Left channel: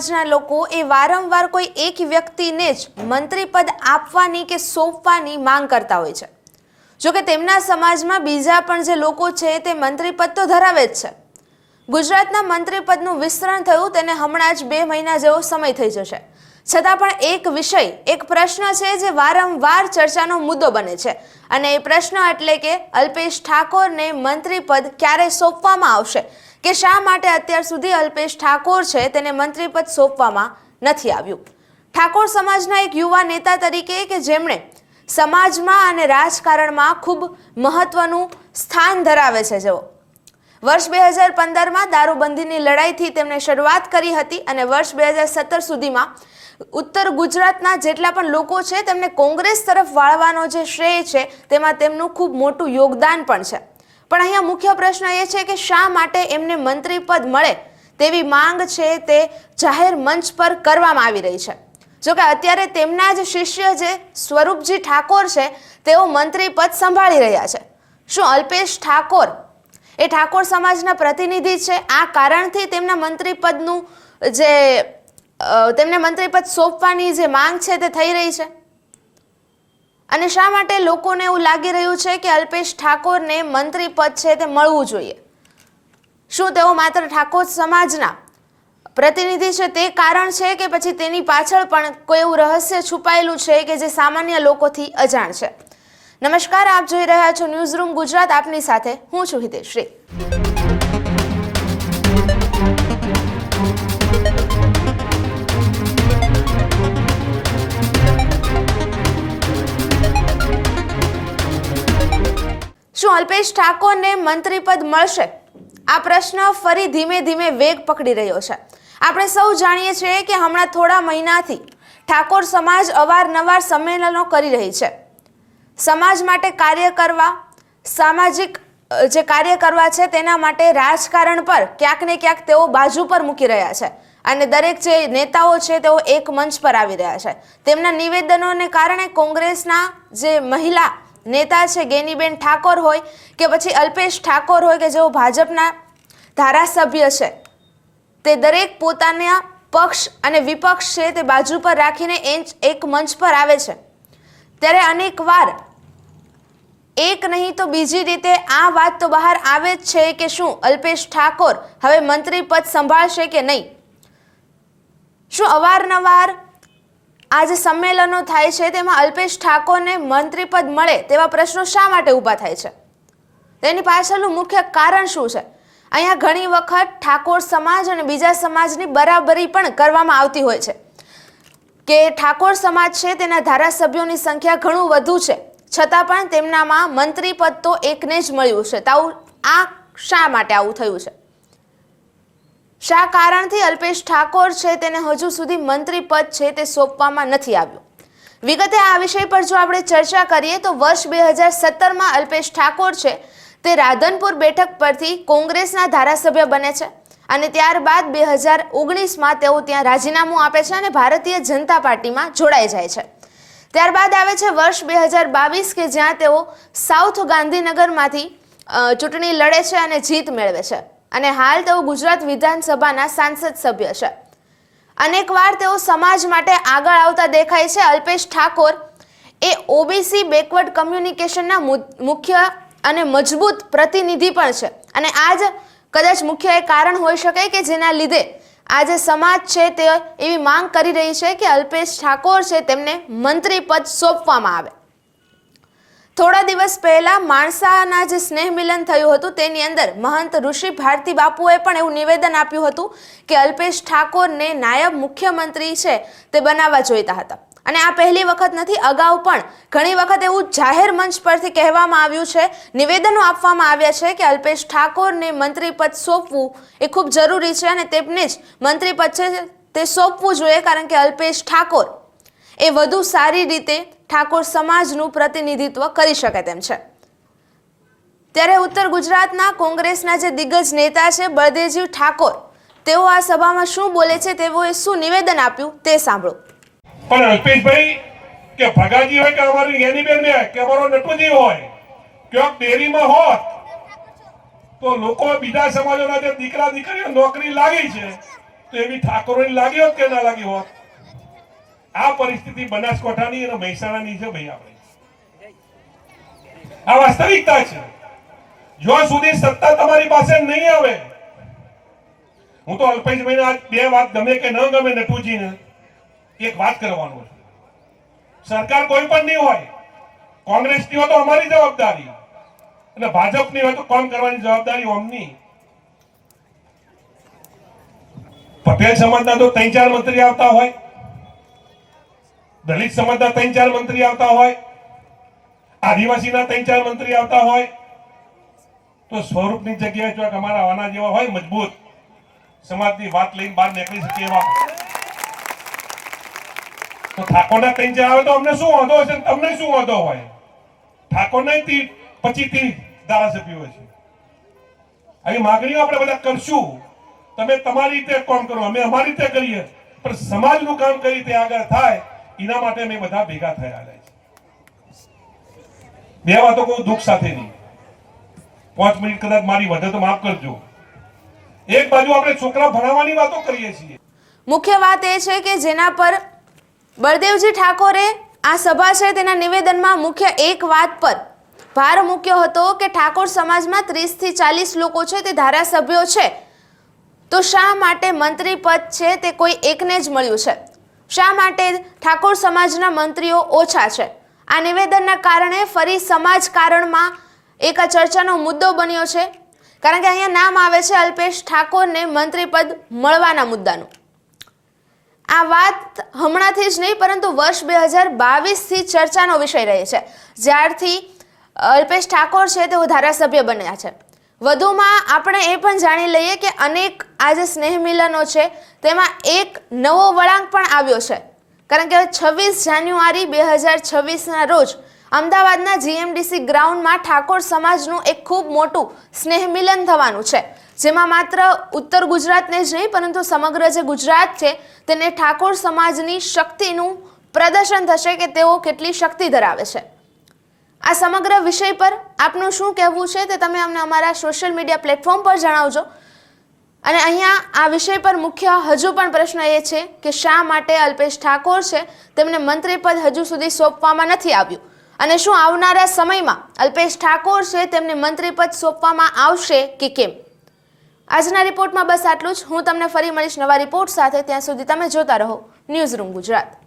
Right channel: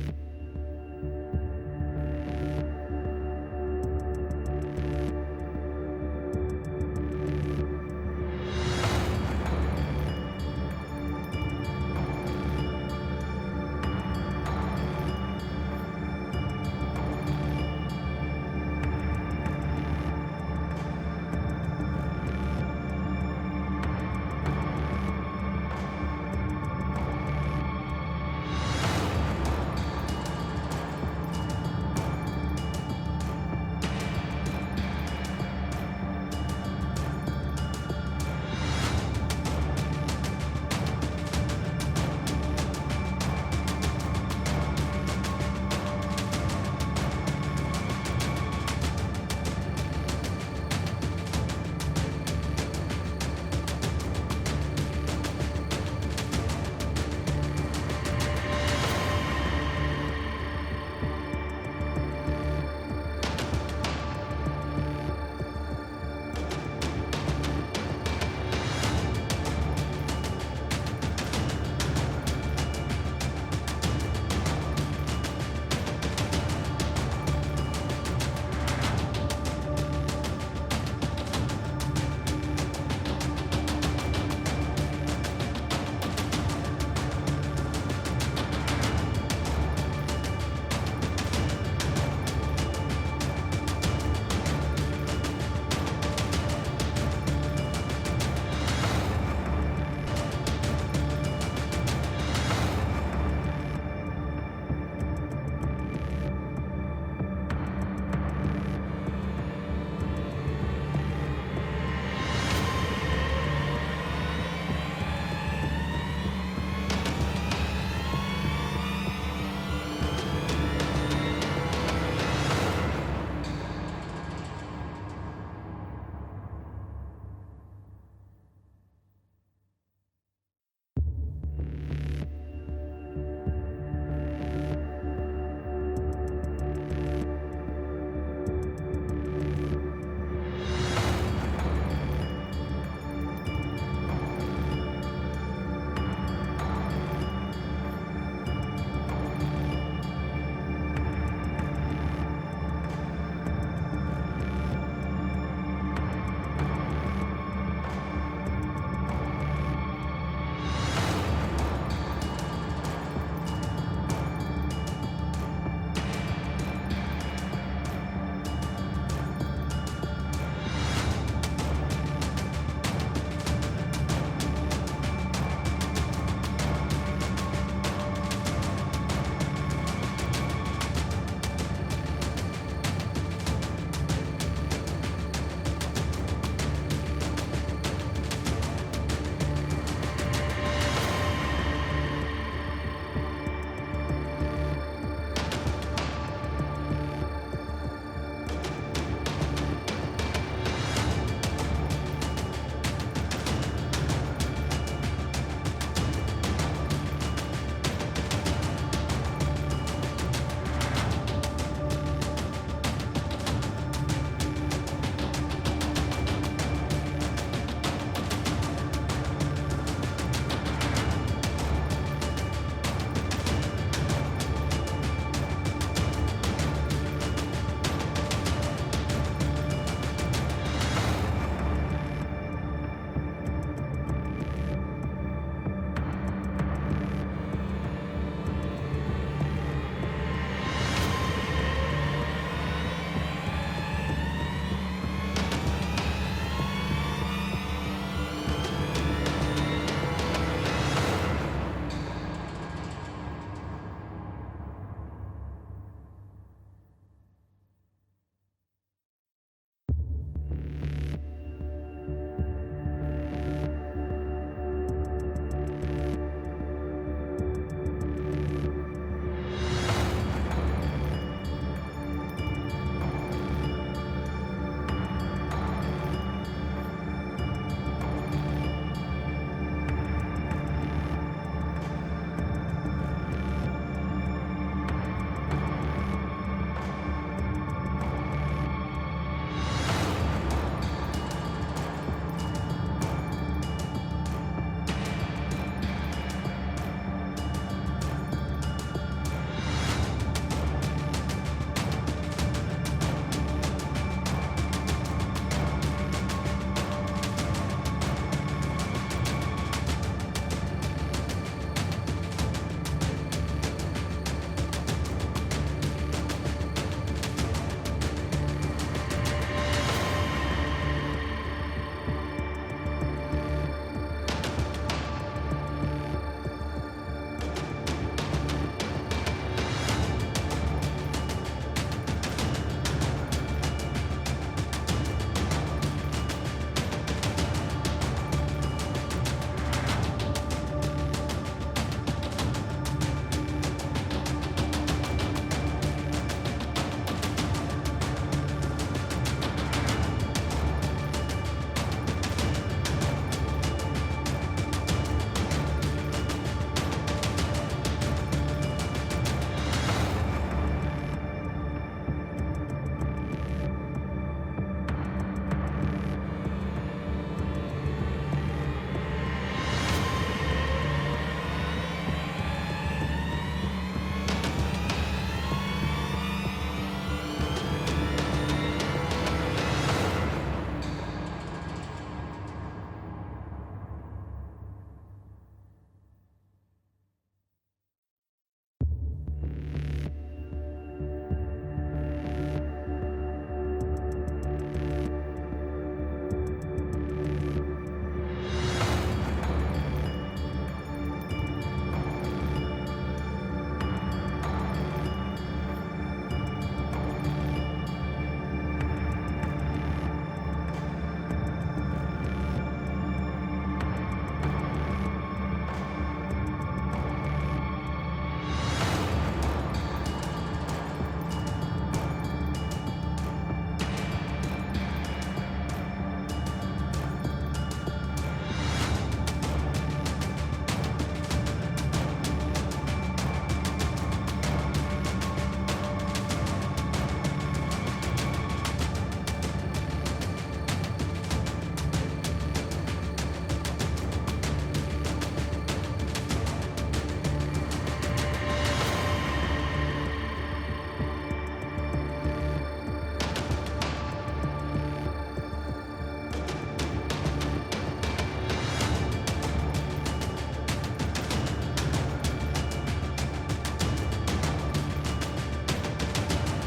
સમાજના લોકો એ વારંવાર કોઈ એક વ્યક્તિને જ મંત્રી પદ આપવાની કે સોંપવાની માંગ કરતા હોય છે. જોકે તેમના સમાજમાં બીજા પણ જે લોકો છે તે મંત્રી પદ તો ધરાવે જ છે. ગુજરાતના મંત્રી પદનું વિસ્તરણ થયું તેને હમણાં જ બે મહિના જેવો સમય થઈ જશે. છતાં પણ એક વિષય, એક પ્રશ્ન છે જે વારંવાર ચર્ચાનો મુદ્દો બને છે. અને એ પ્રશ્ન એટલે કે અલ્પેશ ઠાકોરને મંત્રી પદ ક્યારે સોંપવામાં આવશે? કે શા માટે અત્યાર સુધી અલ્પેશ ઠાકોર છે તેને મંત્રીપદ સોંપવામાં નથી આવ્યું? ઠાકોર સમાજના એક યુવા નેતા તરીકે કે જેમણે સમાજમાં અને રાજકારણમાં ખૂબ મહત્વનું સ્થાન ધરાવે છે જેઓ. વર્ષ બે હજાર પંદરમાં દારૂબંધીની લડાઈથી તેમણે શરૂઆત કરી હતી અને વર્ષ બે હજાર સત્તર સુધીમાં ઉત્તર ગુજરાતના જેટલા પણ લોકો છે તેમને કોંગ્રેસ તરફ વાળવાનો જે શ્રેય છે તેમાં તેમનું ખૂબ મોટું યોગદાન પણ છે. પણ અહીંયા મુખ્ય પ્રશ્ન એ છે કે શા માટે એમને મંત્રી પદ મળે તેવી માંગ છે તે જાહેર મંચ પર કરવામાં આવી રહી છે. જોકે અત્યારે તેમના જ શિષ્ય જે સ્વરૂપજી ઠાકોર છે, તેઓ મંત્રી પદ સંભાળી રહ્યા છે. શું અલ્પેશ ઠાકોર એ ઠાકોર સમાજના પ્રતિનિધિ છે? આ કારણથી તેમના મંત્રી પદનું જે તેમને મંત્રી પદ સોંપવાની જે માંગ છે તે થઈ રહી છે? અને શા માટે લોકોને એવું લાગી રહ્યું છે કે અલ્પેશ ઠાકોરને મંત્રી પદ છે તે મળવું જોઈએ? શું તેઓ માત્ર ઠાકોર સમાજના પ્રતિનિધિ છે તે કારણ છે કે પછી તેની પાછળ પણ કોઈ એવું રહસ્ય છુપાયેલું છે કે જે સામાન્ય લોકોથી અજાણ છે? નમસ્કાર, આપ જોઈ રહ્યા છો ન્યૂઝ રૂમ ગુજરાત, આપની સાથે હું છું હિતેશ્રી શું અલ્પેશ ઠાકોરને મંત્રી પદ મળશે. આ પ્રશ્ન ફરી ધીમે ધીમે વેગ પકડી રહ્યો છે. આપણે સૌ જાણીએ છીએ કે હમણાં થોડા મહિનાથી ઠાકોર સમાજ અવારનવાર સંમેલનો કરી રહી છે. સમાજ માટે કાર્ય કરવા, સામાજિક જે કાર્ય કરવા છે તેના માટે રાજકારણ પર ક્યાંક ને ક્યાંક તેઓ બાજુ પર મૂકી રહ્યા છે અને દરેક જે નેતાઓ છે તેઓ એક મંચ પર આવી રહ્યા છે. તેમના નિવેદનોને કારણે કોંગ્રેસના જે મહિલા નેતા છે ગેનીબેન ઠાકોર હોય કે પછી અલ્પેશ ઠાકોર હોય કે જેઓ ભાજપના ધારાસભ્ય છે. તે દરેક પોતાના પક્ષ અને વિપક્ષ છે તે બાજુ પર રાખીને એક મંચ પર આવે છે. ત્યારે અનેક વાર એક નહીં તો બીજી રીતે આ વાત તો બહાર આવે જ છે કે શું અલ્પેશ ઠાકોર હવે મંત્રી પદ સંભાળશે કે નહીં? શું અવારનવાર આ જે સંમેલનો થાય છે, તેમાં અલ્પેશ ઠાકોરને મંત્રીપદ મળે તેવા પ્રશ્નો શા માટે ઊભા થાય છે? તેની પાછળનું મુખ્ય કારણ શું છે? અહીંયા ઘણી વખત ઠાકોર સમાજ અને બીજા સમાજની બરાબરી પણ કરવામાં આવતી હોય છે. કે ઠાકોર સમાજ છે, તેના ધારાસભ્યોની સંખ્યા ઘણું વધુ છે. છતાં પણ તેમનામાં મંત્રીપદ તો એકને જ મળ્યું છે. તાવું આ શા માટે આવું થયું છે? શા કારણથી અલ્પેશ ઠાકોર છે તેને હજુ સુધી મંત્રી પદ છે તે સોંપવામાં નથી આવ્યું? વિગતે આ વિષય પર જો આપણે ચર્ચા કરીએ તો વર્ષ બે હજાર સત્તરમાં અલ્પેશ ઠાકોર છે તે રાધનપુર બેઠક પરથી કોંગ્રેસના ધારાસભ્ય બને છે અને ત્યારબાદ બે હજાર ઓગણીસમાં તેઓ ત્યાં રાજીનામું આપે છે અને ભારતીય જનતા પાર્ટીમાં જોડાઈ જાય છે. ત્યારબાદ આવે છે વર્ષ બે હજાર બાવીસ કે જ્યાં તેઓ સાઉથ ગાંધીનગરમાંથી ચૂંટણી લડે છે અને જીત મેળવે છે. અને હાલ તેઓ ગુજરાત વિધાનસભાના સાંસદ સભ્ય છે. અનેકવાર તેઓ સમાજ માટે આગળ આવતા દેખાય છે. અલ્પેશ ઠાકોર એ ઓબીસી બેકવર્ડ કમ્યુનિકેશનના મુખ્ય અને મજબૂત પ્રતિનિધિ પણ છે. અને આજ કદાચ મુખ્ય એ કારણ હોઈ શકે કે જેના લીધે આજે સમાજ છે તે એવી માંગ કરી રહી છે કે અલ્પેશ ઠાકોર છે તેમને મંત્રી પદ સોંપવામાં આવે. થોડા દિવસ પહેલા માણસાના જે સ્નેહ મિલન થયું હતું, તેની અંદર મહંત ઋષિ ભારતી બાપુએ પણ એવું નિવેદન આપ્યું હતું કે અલ્પેશ ઠાકોરને નાયબ મુખ્યમંત્રી છે તે બનાવવા જોઈતા હતા. અને આ પહેલી વખત નથી, અગાઉ પણ ઘણી વખત એવું જાહેર મંચ પરથી કહેવામાં આવ્યું છે, નિવેદનો આપવામાં આવ્યા છે કે અલ્પેશ ઠાકોરને મંત્રી પદ સોંપવું એ ખૂબ જરૂરી છે અને તેમને જ મંત્રી પદ છે તે સોંપવું જોઈએ, કારણ કે અલ્પેશ ઠાકોર એ વધુ સારી રીતે ઠાકોર સમાજનું પ્રતિનિધિત્વ કરી શકે તેમ છે. ત્યારે ઉત્તર ગુજરાતના કોંગ્રેસના જે દિગ્ગજ નેતા છે બળદેવજી ઠાકોર, તેઓ આ સભામાં શું બોલે છે તેઓએ શું નિવેદન આપ્યું તે સાંભળો. પણ અલ્પેશભાઈ, કે ભગાજી હોય કે અમારી એનિમેલ કે અમારો નટુજી હોય, ક્યાંક ડેરીમાં હોત, તો લોકો બીજા સમાજોના જે દીકરા દીકરીઓ નોકરી લાગી છે, તો એવી ઠાકોરોની લાગી હોત કે ના લાગી હોત? આ પરિસ્થિતિ બનાસકાંઠાની અને મહેસાણાની છે ભાઈ આ વાસ્તવિકતા છે. જ્યાં સુધી સત્તા તમારી પાસે નહીં આવે, હું તો અલ્પેશભાઈને આજ બે વાત ગમે કે ન ગમે નટુજીને એક વાત કરવાનો. સરકાર કોઈ પણ નહીં હોય, કોંગ્રેસની હોય તો અમારી જવાબદારી. અને ભાજપની હોય તો કામ કરવાની જવાબદારી અમની પટેલ સમાજના તો ત્રણ ચાર મંત્રી આવતા હોય દલિત સમાજના ત્રણ ચાર મંત્રી આવતા હોય, આદિવાસીના ત્રણ ચાર મંત્રી આવતા હોય, તો સ્વરૂપની જગ્યાએ જો તમારા આના જેવા હોય, મજબૂત સમાજની વાત લઈને બહાર નીકળી શકીએ એવા. તો ઠાકોરના ત્રણ ચાર આવે તો અમને શું વાંધો હશે? તમને શું વાંધો હોય? ઠાકોર નહીં તી પછી તી ધારાસભ્યો આવી માગણીઓ આપણે બધા કરશું. તમે તમારી રીતે કામ કરો, અમે અમારી રીતે કરીએ. પણ સમાજનું કામ કઈ રીતે આગળ થાય? એના માટે અમે બધા ભેગા થયા બે વાતો કહું, દુઃખ સાથેની. પાંચ મિનિટ કદાચ મારી વધે તો માફ કરજો. એક બાજુ આપણે છોકરા ભણાવવાની વાતો કરીએ છીએ. મુખ્ય વાત એ છે કે જેના પર બળદેવજી ઠાકોરે આ સભા છે તેના નિવેદનમાં મુખ્ય એક વાત પર ભાર મૂક્યો હતો કે ઠાકોર સમાજમાં ત્રીસથી ચાલીસ લોકો છે તે ધારાસભ્યો છે. તો શા માટે મંત્રી પદ છે તે કોઈ એકને જ મળ્યું છે? શા માટે ઠાકોર સમાજના મંત્રીઓ ઓછા છે? આ નિવેદનના કારણે ફરી સમાજ કારણમાં એક આ ચર્ચાનો મુદ્દો બન્યો છે. કારણ કે અહીંયા નામ આવે છે અલ્પેશ ઠાકોરને મંત્રી પદ મળવાના મુદ્દાનું. આ વાત હમણાંથી જ નહીં, પરંતુ વર્ષ બે હજાર બાવીસથી ચર્ચાનો વિષય રહે છે. જ્યારથી અલ્પેશ ઠાકોર છે, તેઓ ધારાસભ્ય બન્યા છે. વધુમાં આપણે એ પણ જાણી લઈએ કે અનેક આ જે સ્નેહ મિલનો છે. તેમાં એક નવો વળાંક પણ આવ્યો છે. કારણ કે છવ્વીસ જાન્યુઆરી બે હજાર છવ્વીસના રોજ અમદાવાદના જીએમડીસી ગ્રાઉન્ડમાં ઠાકોર સમાજનું એક ખૂબ મોટું સ્નેહ મિલન થવાનું છે. જેમાં માત્ર ઉત્તર ગુજરાતને જ નહીં, પરંતુ સમગ્ર જે ગુજરાત છે, તેને ઠાકોર સમાજની શક્તિનું પ્રદર્શન થશે કે તેઓ કેટલી શક્તિ ધરાવે છે. આ સમગ્ર વિષય પર આપનું શું કહેવું છે તે તમે અમને અમારા સોશિયલ મીડિયા પ્લેટફોર્મ પર જણાવજો. અને અહીંયા આ વિષય પર મુખ્ય હજુ પણ પ્રશ્ન એ છે કે શા માટે અલ્પેશ ઠાકોર છે? તેમને મંત્રી પદ હજુ સુધી સોંપવામાં નથી આવ્યું. અને શું આવનારા સમયમાં અલ્પેશ ઠાકોર છે તેમને મંત્રી પદ સોંપવામાં આવશે કે કેમ? આજના રિપોર્ટમાં બસ આટલું જ. હું તમને ફરી મળીશ નવા રિપોર્ટ સાથે. ત્યાં સુધી તમે જોતા રહો. News room Gujarat.